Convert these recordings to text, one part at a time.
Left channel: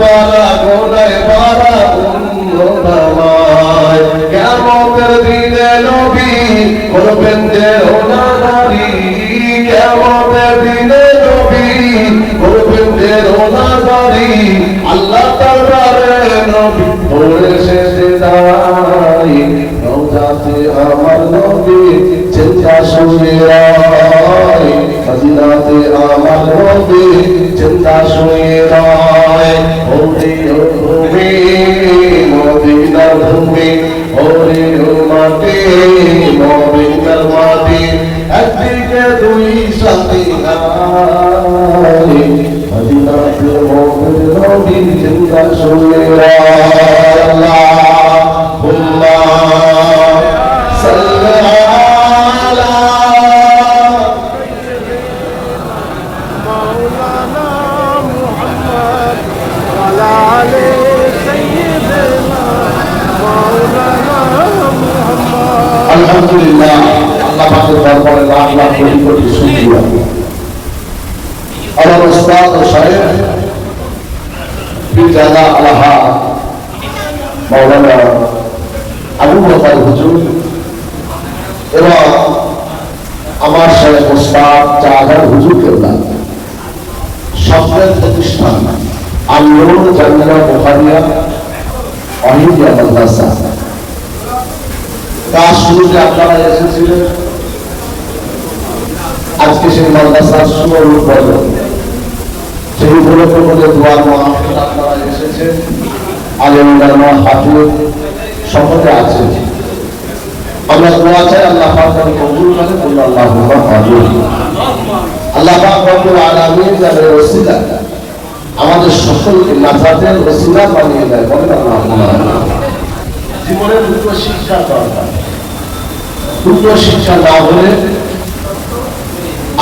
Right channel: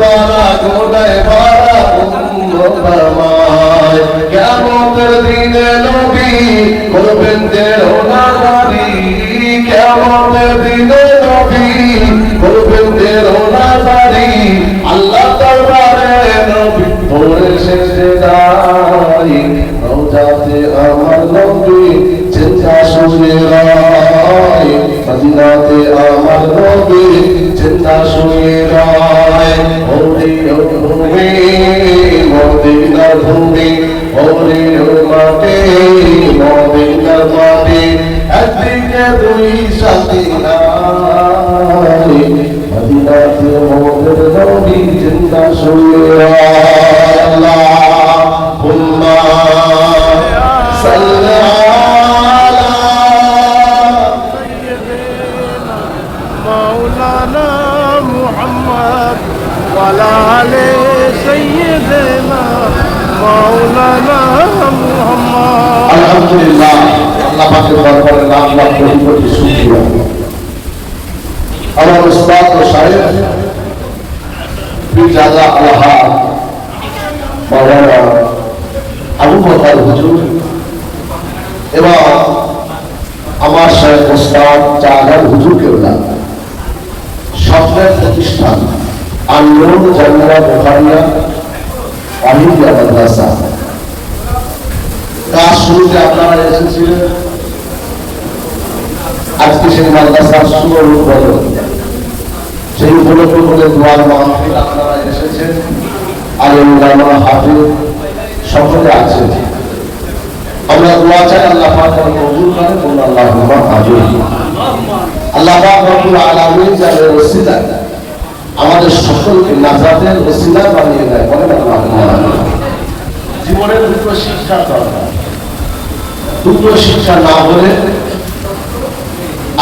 বালা গোনায় ভরা উম্মত আমায় কিয়ামতের দিনে নবী করবেন দেওনাদারি কিয়ামতের দিনে নবী করবেন দেওনাদারি আল্লাহ দরবারে নবী পড়ে সেজদায় রওজাতে আমার নবী চিন্তা শুয়ে রায় মদিনাতে আমার নবী চিন্তা শুয়ে রায় ওরে ভূমি মদিনার ভূমি ওরে মাটি মদিনার মাটি একদিকে দুই সাথী মদিনাতে মোদের নবী চিন্তা শুয়ে রায় আল্লাহুম্মা সাল্লি আলহামদুলিল্লাহ আল্লাহ পাকের দরবারে লাখ লাখ কোটি কোটি শুকরিয়া আমার উস্তাদ ও শায়েখ পীরজাদা আলহা মাওলানা আবু বকর হুজুর এবং আমার শায়েখ উস্তাদ জাহাঙ্গীর হুজুর কেবলা স্বপ্নের প্রতিষ্ঠান আন্দোলন জামিয়া বুখারিয়া আলিয়া মাদ্রাসা কাজ শুরুতে আপনারা এসেছিলেন আজকে সেই মাদ্রাসার শুভ উদ্বোধন সেই উপলক্ষে বলে দোয়ার মাহফিল আপনারা এসেছেন আলেম ওলামা হাফিজ সকলে আছেন আমরা দোয়া চাই আল্লাহ পাক কবুল করেন বলুন আল্লাহুম্মা আমিন আল্লাহ পাক রব্বুল আলামিন যাদের ওসিলা আমাদের সকলকে নাজাতের ওসিলা বানিয়ে দেয় বলেন আল্লাহুম্মা জীবনের দুটো শিক্ষা দরকার দুটো শিক্ষা না হলে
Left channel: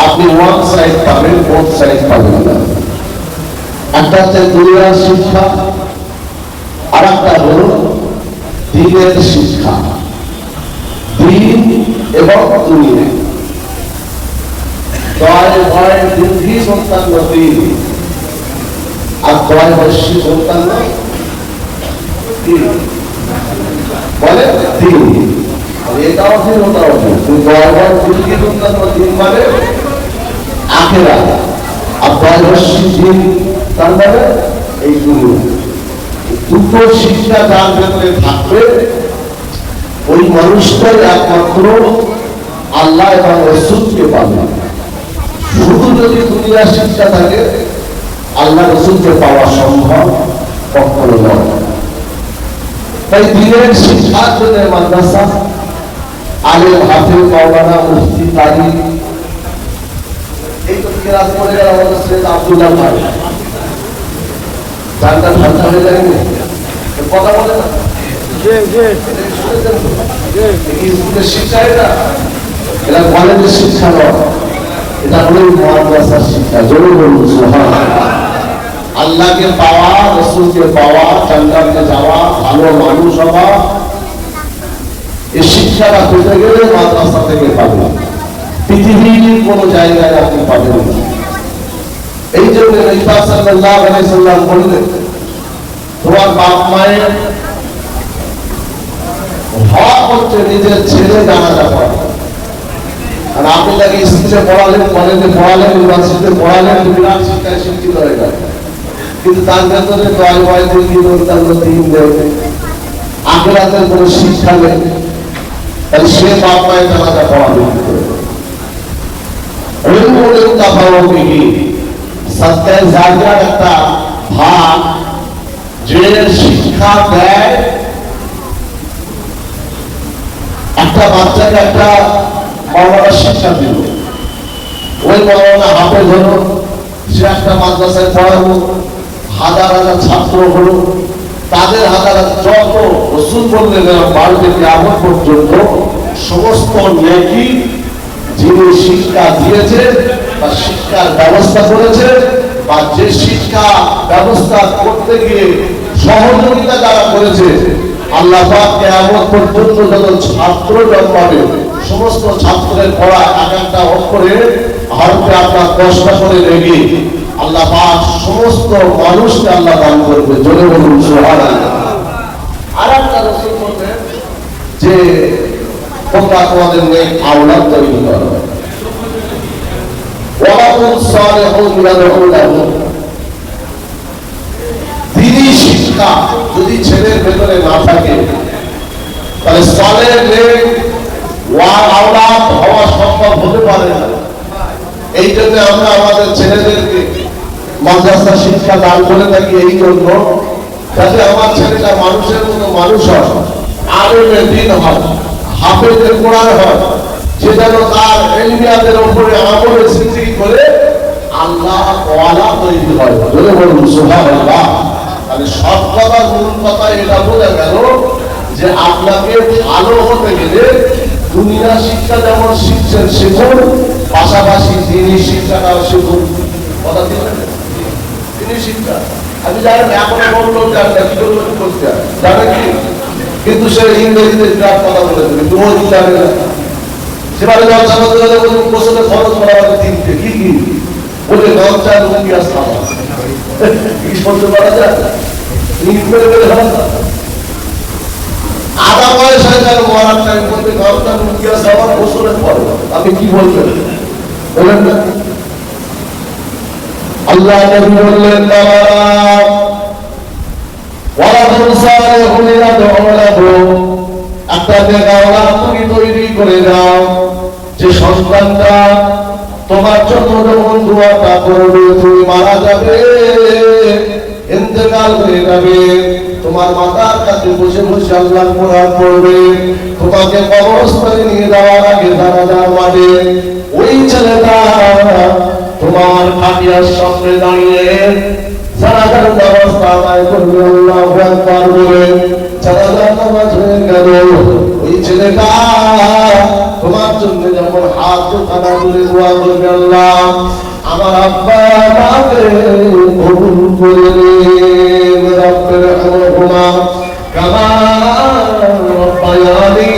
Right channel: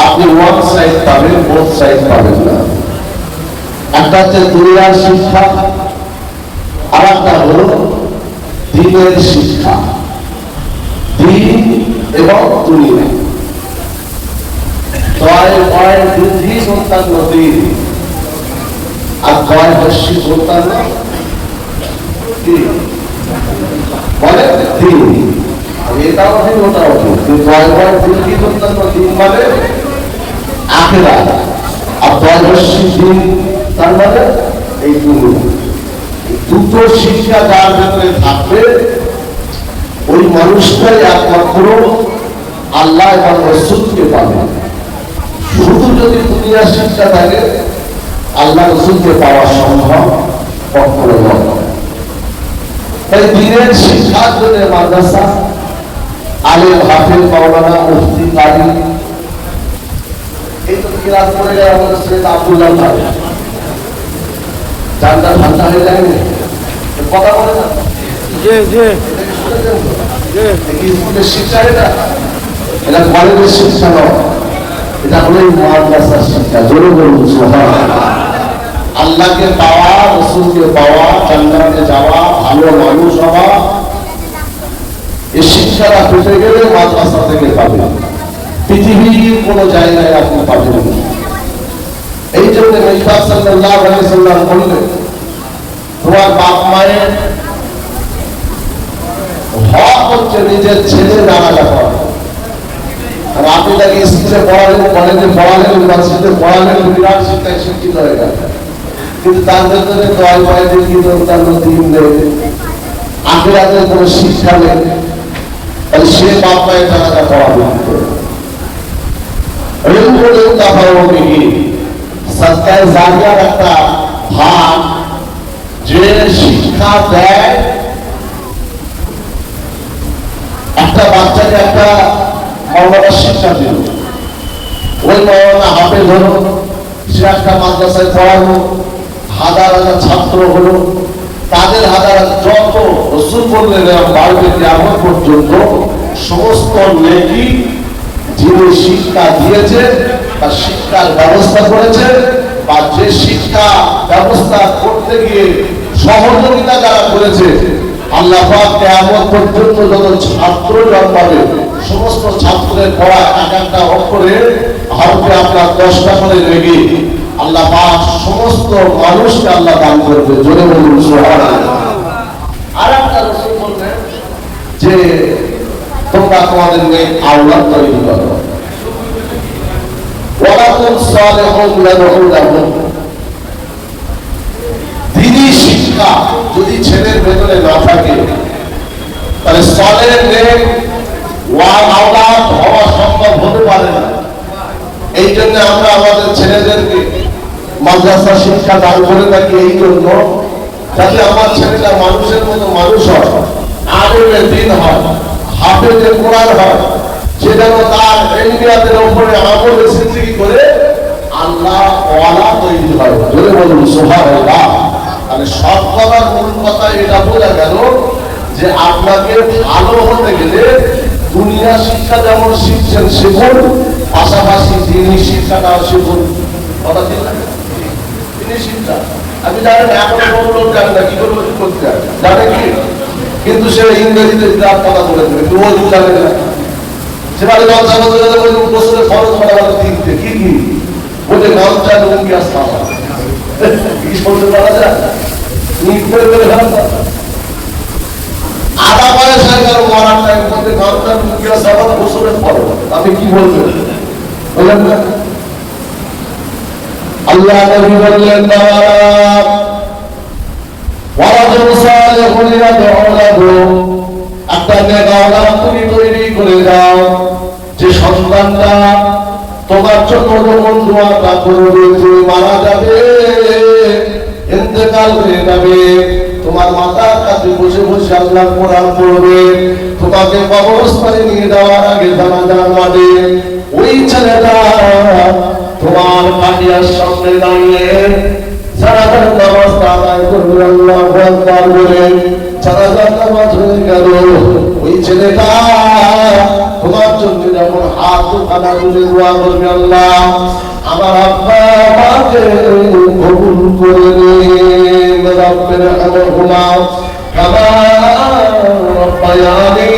আপনি ওয়ান সাইড পাবেন বোথ সাইড পাবেন না একটা হচ্ছে দুনিয়ার শিক্ষা আর একটা হল দ্বীনের শিক্ষা দ্বীন এবং দুনিয়া দয় ভয় দুর্ধি সন্তান দিন আর দয় হস্যি সন্তান দিন বলে দিন এটাও দিন ওটাও দিন দয় ভয় দুর্ধি সন্তান দিন মানে আখেরা আর দয় হস্যি দিন তার মানে এই দুটো শিক্ষা যার ভেতরে থাকবে ওই মানুষটাই একমাত্র আল্লাহ এবং রাসূলকে পাবে শুধু যদি দুনিয়া শিক্ষা থাকে আল্লাহ রাসূলকে পাওয়া সম্ভব কখনো নয় তাই দিনের শিক্ষার জন্য মাদ্রাসা আলেম হাফেজ মাওলানা মুফতি কারি এই তো কিরাত করে গেল আমাদের সৈয়দ আব্দুল্লাহ ভাই জানটা ঠান্ডা হয়ে যায় কথা বলে না স্কুলের শিক্ষা এটা কলেজের শিক্ষা নয় এটা হলো মাদ্রাসার শিক্ষা জোরে বলুন আল্লাহকে পাওয়া রাসূলকে পাওয়া জান্নাতে যাওয়া ভালো মানুষ হওয়া এই শিক্ষাটা পেতে গেলে মাদ্রাসা থেকে পাবেন পৃথিবীর কোনো জায়গায় আপনি পাবেন না এই জন্য নবী সাল্লাল্লাহু আলাইহি সাল্লাম বললেন তোমার বাপ মায়ের হক হচ্ছে নিজের ছেলে জানাজা পড়া আর আপনি তাকে স্কুলে পড়ালেন কলেজে পড়ালেন ইউনিভার্সিটিতে পড়ালেন বিরাট শিক্ষায় শিক্ষিত হয়ে গেল কিন্তু তার ভেতরে দয় ভয় দিন দেবে আখিরাতের কোনো শিক্ষা নেই তাহলে সে বাপ মায়ের জানাজা পড়াবে সৎকার জারিয়ার একটা ভাগ যে শিক্ষা দেয় একটা বাচ্চাকে একটা মাওলানা শিক্ষা দিল ওই মাওলানা হাফেজ হলো সে একটা মাদ্রাসায় পড়ালো হাজার হাজার ছাত্র হলো তাদের হাজার যত রাসূল বললেন বাড়িতে কিয়ামত পর্যন্ত সমস্ত নেকি যিনি শিক্ষা দিয়েছে বা শিক্ষার ব্যবস্থা করেছে বা যে শিক্ষা ব্যবস্থা করতে গিয়ে সহযোগিতা যারা করেছে আল্লাহ পাক কিয়ামত পর্যন্ত যত ছাত্র জন্মাবে সমস্ত ছাত্রের পড়া এক একটা অক্ষরে হরফে আপনার 10টা করে লেগে আল্লাহ পাক সমস্ত মানুষকে আল্লাহ দান করবে। জোরে বলুন সুবহানাল্লাহ। আরেকটা রাসূল বললেন যে তোমরা তোমাদের মেয়ে আওলাদ তৈরি করো, ওয়ালাকুম সালিহুন ইয়াদউলাহু। দ্বীনি শিক্ষা যদি ছেলের ভেতরে না থাকে তাহলে সালেহ মেয়ে আওলাদ হওয়া সম্ভব হতে পারে না। এই জন্য আমরা আমাদের ছেলেদেরকে মাদ্রাসা শিক্ষা দান করে থাকি, এই জন্য যাতে আমার ছেলেটা মানুষের মতো মানুষ হয়, আলেমে দ্বীন হয়, হাফেজে কোরআন হয়, সে যেন তার ইলমিয়াতের উপরে আমলে জিন্দেগি করে আল্লাহ ওয়ালা তৈরি হয়। বলে বলুন সুবহানাল্লাহ। মানে সব কথার মূল কথা এটা বোঝা গেল যে আপনাকে ভালো হতে গেলে দুনিয়া শিক্ষা যেমন শিখছেন শিখুন, পাশাপাশি দ্বীনি শিক্ষাটাও শিখুন। কথা ঠিক না? দ্বীনি শিক্ষা আমি জানি না, এখন কোন লোক জানে না কি করবো কি করতে জানে কি, কিন্তু সে ইংরেজিতে বিরাট কথা বলে দেবে, রোজ জানে না। সেখানে লঞ্চা বলতে বছরের খরচ করা হবে তিনটে কি কি বলে লঞ্চা লুঙ্গি আসতে হবে কি বলতে পারা যায় আধা বয়সে মরার টাইম বলতে লঞ্চা লুঙ্গি আসতে হবে বছরের খরচ। আপনি কি বলবেন বলেন না? আল্লাহ নবী বললেন একটা নেগাওয়ালা তুমি তৈরি করে দাও যে সন্তানটা তোমার জন্য যখন দোয়াটা করবে, তুমি মারা যাবে, ইন্তেকাল হয়ে যাবে, তোমার মাথার কাছে বসে বসে আল্লাহর কোরআন পড়বে, তোমাকে কবরস্থানে নিয়ে যাওয়ার আগে জানাজার মাঠে ওই ছেলেটা তোমার কাটিয়ার সামনে দাঁড়িয়ে জানাজার ব্যবস্থা আদায় করবে, আল্লাহু আকবার বলে জানাজার নামাজ হয়ে গেল। ওই ছেলেটা তোমার জন্য যখন হাত কাটা তুলে দোয়া করবে, আল্লাহ আমার আব্বা আমাকে কবুল করে নিন, রব্বির হামহুমা কামা রাব্বায়ানি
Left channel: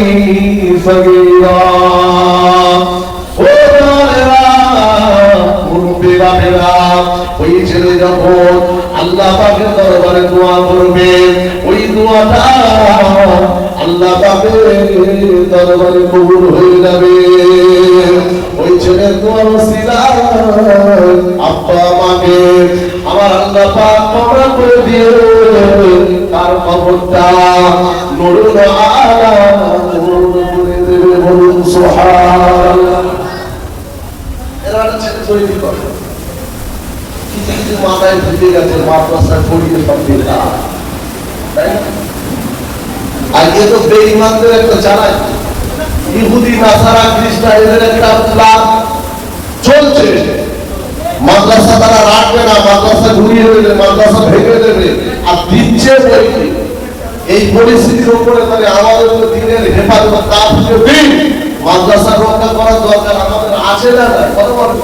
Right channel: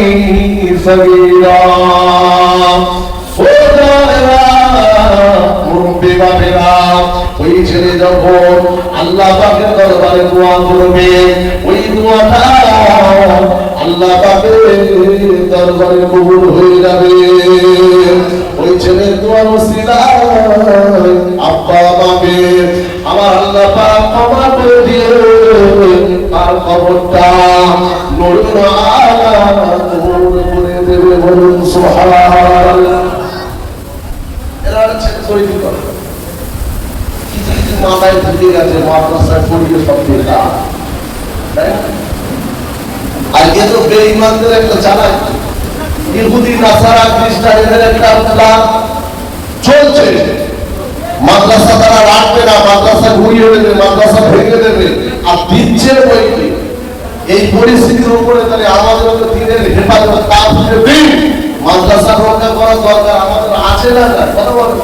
সগীরা। ওই ছেলে যখন আল্লাহ পাকের দরবারে দোয়া করবে, ওই দোয়াটা আল্লাহ পাকের দরবারে কবুল হয়ে যাবে। ওই ছেলের দোয়ার ওসিলায় আব্বা আমাকে আমার আল্লাহ পাক ক্ষমা করে দিয়ে তার কবরটা নূরে আলা নূর করে দেবে। বলুন সুবহানাল্লাহ। এরা ছেলে তৈরি করে কিছু মাথায় ঢুকে গেছে, মাদ্রাসায় পড়িয়ে সব বেটা, তাই না? আর এ তো বেঈমানদের একটা চালাক, ইহুদি নাসারা খ্রিস্টান এদের একটা প্ল্যান চলছে। মাদ্রাসা তারা রাখবে না, মাদ্রাসা ঘুরিয়ে দেবে, মাদ্রাসা ভেঙে দেবে, আর দিচ্ছে বইটি। এই পরিস্থিতির উপরে তাহলে আমাদের দিনের হেফাজত কাজ দিন মাদ্রাসা রক্ষা করার দরকার আমাদের আছে না? কথা বলুন।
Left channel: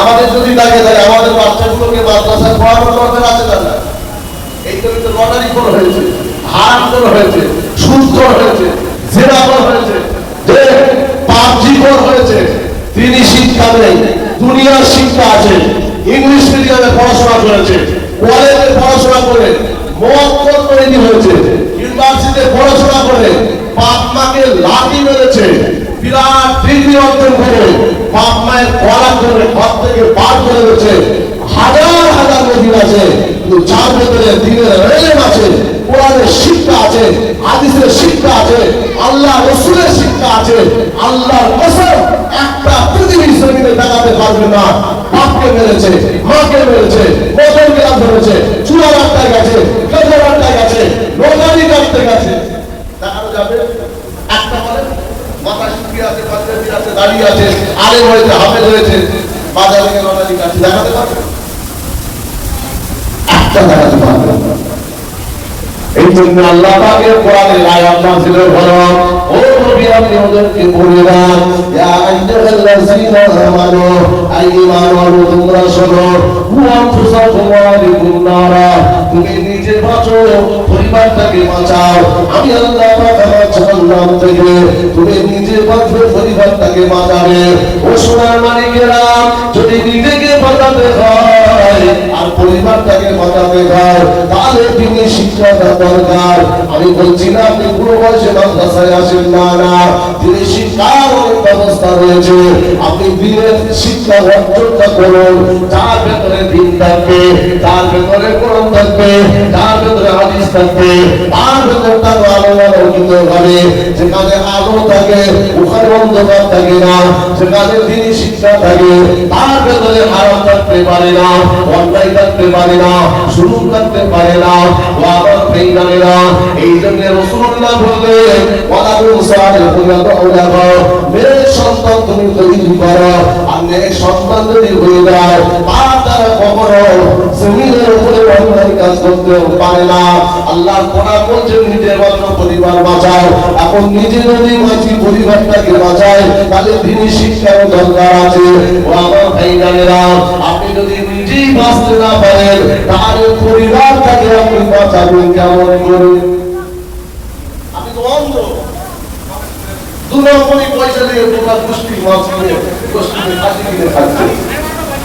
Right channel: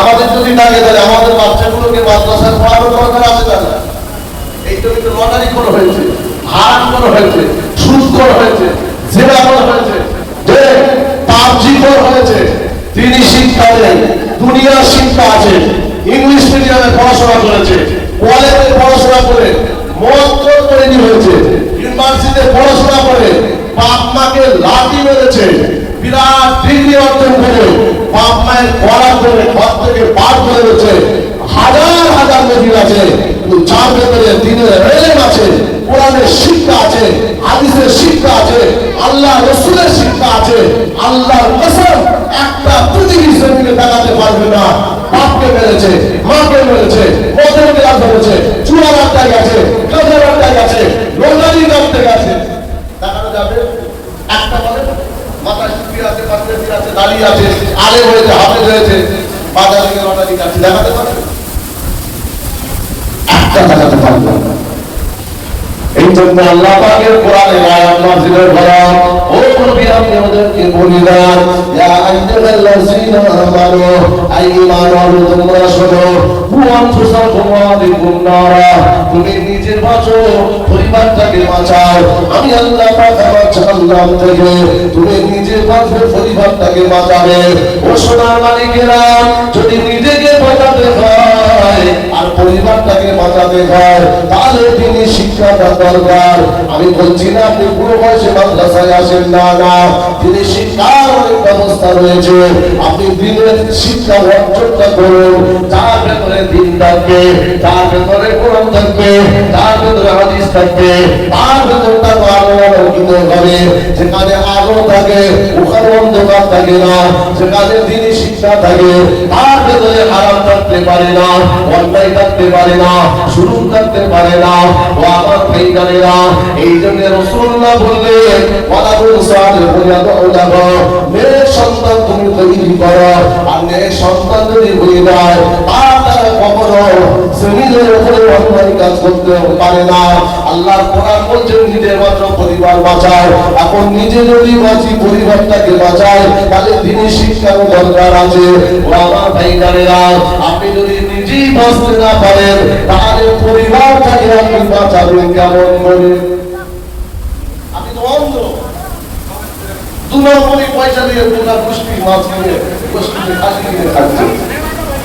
আমাদের যদি লাগে তাহলে আমাদের বাচ্চাগুলোকে মাদ্রাসায় পড়ানোর দরকার আছে না? এই তো কিন্তু লটারি করা হয়েছে, হারাম করা হয়েছে, সুদ করা হয়েছে, জেনা করা হয়েছে, যে পাবজি করা হয়েছে। তিনি শিক্ষা দেন, দুনিয়ার শিক্ষা আছে, ইংলিশ মিডিয়ামে পড়াশোনা করেছে, কলেজে পড়াশোনা করে মত তৈরি হয়েছে, ইউনিভার্সিটিতে পড়াশোনা করে বাপ মাকে লাঠি মেরেছে, বিরাট ডিগ্রি অর্জন করে বাপ মায়ের পড়া করে ঘর থেকে বার করে দিয়েছে। হাজার হাজার নদী আছে, যার ভেতরে দিনের এলেম আছে, কোরআনের শিক্ষা আছে, হাদিসের শিক্ষা আছে, আল্লাহ রসুলের শিক্ষা আছে। আল্লাহর কসম একটা পৃথিবীর জমিনে দেখাতে পারবে না বাপকে মেরেছে, মাকে মেরেছে, মদের বিরাট ধরেছে, চুয়ার আড্ডায় গেছে, গাজার আড্ডায় গেছে, রোজানি করতে গেছে, দেখানো যাবে? একটা বলে মাথায় টুপি আছে, পাঞ্জাবি আছে, দাড়ি আছে, আলেম হয়েছে, হাফেজ হয়েছে, বাজারে গিয়ে লটারি কাটছে, দেখাতে পারবে? একটা দেখাতে পারবে। এই জন্য আল্লাহ পাকের কোরআনে আয়াত নাযিলের ফরম, ও নবী আপনি ওদেরকে বলে দেন, ইয়া আইয়ুহাল্লাযীনা আমানু, আইয়ুহাল তোমরা শোনো, আনফুসাকুম ওয়া আহলিকুম নারা, তুমি নিজে বাঁচো, পরিবারটাকে বাঁচাও। আমি আল্লাহ পাক আমার জাহান্নাম থেকে তুমি নিজে বাঁচবে, পরিবারটাকে বাঁচাবে। ও সোনার মানিকেরা, যদি নিজেকে বাঁচাতে হয় যায় আর পরিবারটাকে বাঁচাতে যায়, তাহলে তিনি শিক্ষাটা দরকার। আমি বলছি না আপনি পুরো বয়সে মাদ্রাসায় আসেন, না না, তিনি শিক্ষার অনেক ব্যবস্থা রয়েছে। আপনি দিনের শিক্ষা অর্জনটা করুন, যার ভেতরে দিন থাকবে, যার ভেতরে কোরআন থাকবে, যার ভেতরে হাদিস থাকবে, তার ভেতরটা আলো আলোকিত হবে। যেখানে আলো থাকে ওখানে অন্ধকার থাকে না, যেখানে দিনই শিক্ষা থাকে তার ভেতরে হারাম থাকতে পারে না, অন্যায় থাকতে পারে না, শুরু থাকতে পারে না। ও আমার ভাই জানেরা, এই জন্য রাসূলুল্লাহ বললেন ওয়ালাদুল সালিহ ওলামা, নেক সন্তান তুমি তৈরি করো, আর নেক সন্তান যদি হয়ে যায় তার দ্বারা কখনো জমিনের উপরে অন্যায় কাজ করতে পারে না। আল্লাহ কোরআন বলছে নিজের মাত্র পরিবার বাঁচাও। এখন নিজে যদি বাঁচি পরিবারটাকে বাঁচায়, তাহলে দিনের শিক্ষার দরকার আছে। ও আমার ভাই জানেরা, আপনি যদি নিজেই বাঁচতে না পারেন তাহলে পরিবারটাকে আপনি বাঁচাবেন কেমন করে? আপনি তো অন্ধ, দু নম্বরই পয়সা দিয়ে তোমার গোষ্ঠী মাছ কিনে, গোষ্ঠী খাসি কিনে খাচ্ছে,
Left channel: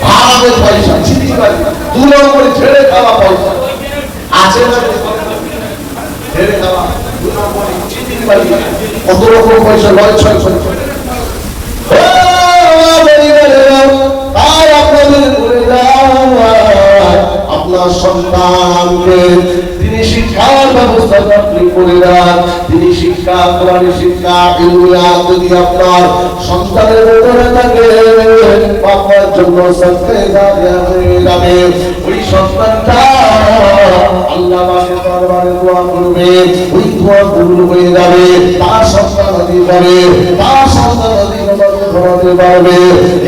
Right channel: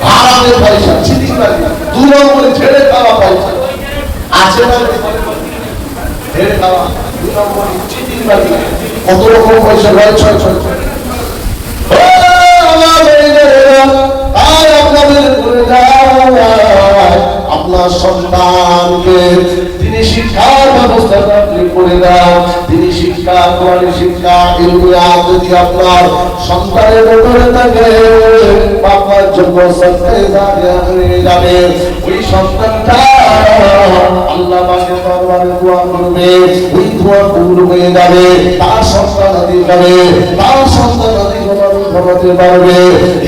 হারামের পয়সা, চিটিংবাজি, দু নম্বরই ছেড়ে খাওয়া পয়সা আছে না? ছেড়ে খাওয়া, দু নম্বরই চিটিংবাজি, কত রকম পয়সা লয় ছয় ছয়। তাই আপনাদের বলে আপনার সন্তানকে তিনি শিক্ষার ব্যবস্থা করে দেন। তিনি শিক্ষা, কোরআনের শিক্ষা, ইলমিয়াত যদি আপনার সন্তানের উপরে থাকে, আপনার জন্য সবচেয়ে হয়ে যাবে। ওই সন্তানটা আল্লাহ পাকের দরবারে দোয়া করবে, ওই দোয়া কবুল হয়ে যাবে, তার সন্তান অধিকারে, তার সন্তান অধিকার ঘটাতে পারবে।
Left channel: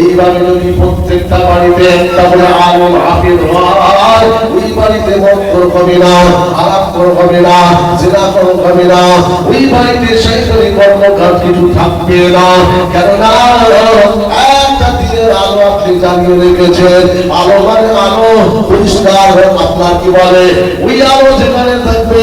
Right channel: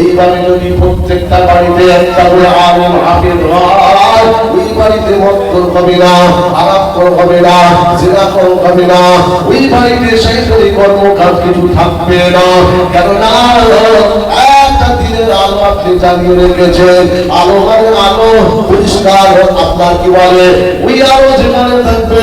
এইভাবে যদি প্রত্যেকটা বাড়িতে একটা করে আলেম হাফেজ হয়, ওই বাড়িতে মক্কর হবে না, আলাক্কর হবে না, জিনাকর হবে না, ওই বাড়িতে শয়তানি কর্মকাণ্ড কিছু থাকবে না। কেননা একটা দিনের আলো আপনি জ্বালিয়ে রেখেছেন, আলো মানে আলো পরিষ্কার, আপনার কি বলে ওই আলো যেখানে থাকবে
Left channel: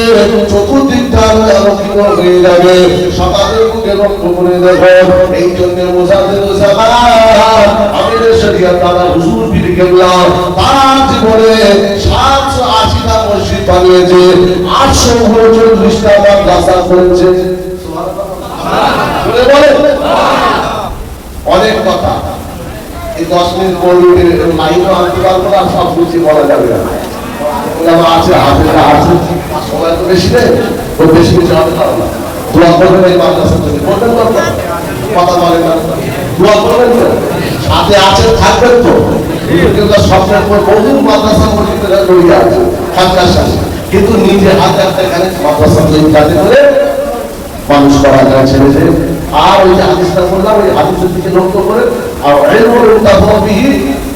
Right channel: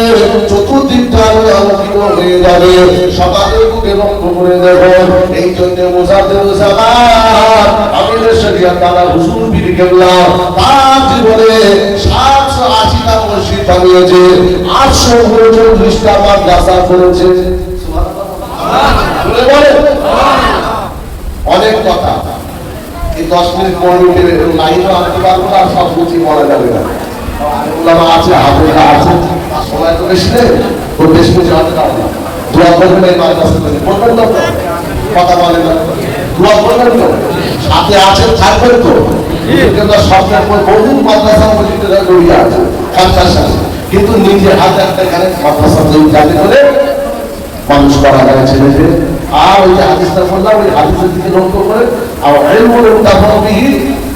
চতুর্দিকটা আলোকিত হয়ে যাবে। সকালের বুকে লক্ষ্য করে দেখুন, এই জন্য মুজাদ্দিদ জামান আমিরের শরিয়াত দাদা হুজুর পীর কেবলা তার জীবনে 780টা মসজিদ বানিয়েছে, 839টা মাদ্রাসা করেছে। অনেক কথা, এই 10 মিনিট 15 মিনিটের লাইনও আনতে পারবো না, সব বুঝি বলা যাবে না। আছে আপনারা আছে, সময় তো বেশি নেই, তো বেশি কিছু হবে না। দোয়া করবেন এই মাদ্রাসা তৈরি করবেন, তো কথা বলেন না, দোয়া করবেন তো, সাথে আছে থাকবেন তো। কিন্তু স্বপ্নের পর বহু মাদ্রাসা মসজিদরা জড়িয়ে আছে কাজের সাথে, কিন্তু নিজে হাতে একটা এখানে মাদ্রাসা তৈরি কাজে করে মানুষ করা যায় ছেড়েছে। আর ওই যে হাদিসটা বললাম, ওই হাদিসের দিকে লক্ষ্য করে, আর ইলমুল মুতাফাবিহি,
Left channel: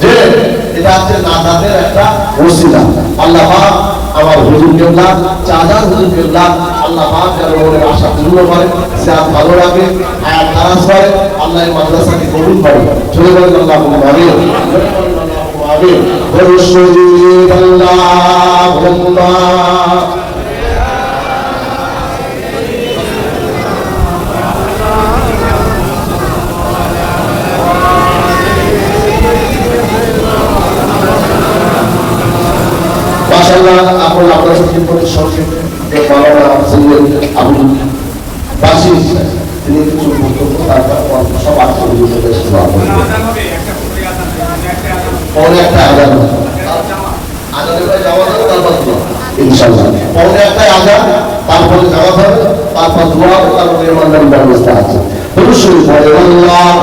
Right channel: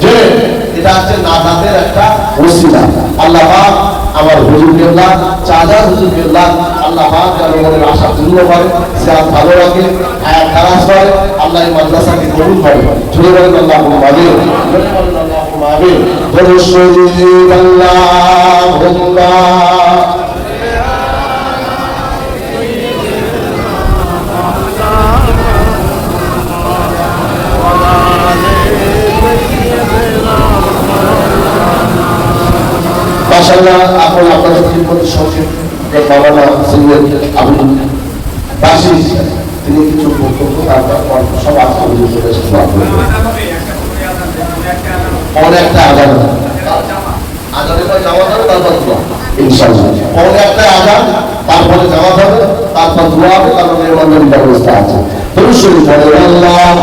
যে এটা হচ্ছে নাজাতের একটা ওসিলা। আল্লাহ পাক আমার হুজুর কেবলা, চাচার হুজুর কেবলা, আল্লাহ পাক যার মনের আশা পূর্ণ করে, সে আর ভালো লাগে, হায়াত দারাজ করে, আল্লাহ এই মাদ্রাসাকে কবুল করে। চলে বলেন আল্লাহুম্মা আমিন, আল্লাহুম্মা আমিন। রাসূলুল্লাহ আল্লাহুম্মা এখন আপনার সাথে সঙ্গে মাওলানা সৈয়দ আবুল বাসির তিনি কিছু বক্তব্য সব একটা আজান, আজানের পরে জামাত হবে, তারপর দোয়া ইনশাআল্লাহ। পৌনে একটা আজান, তারপরে জামাত হবে, তারপর দোয়া হবে, তারপর মেহমানদারির ব্যবস্থা আছে। আল্লাহ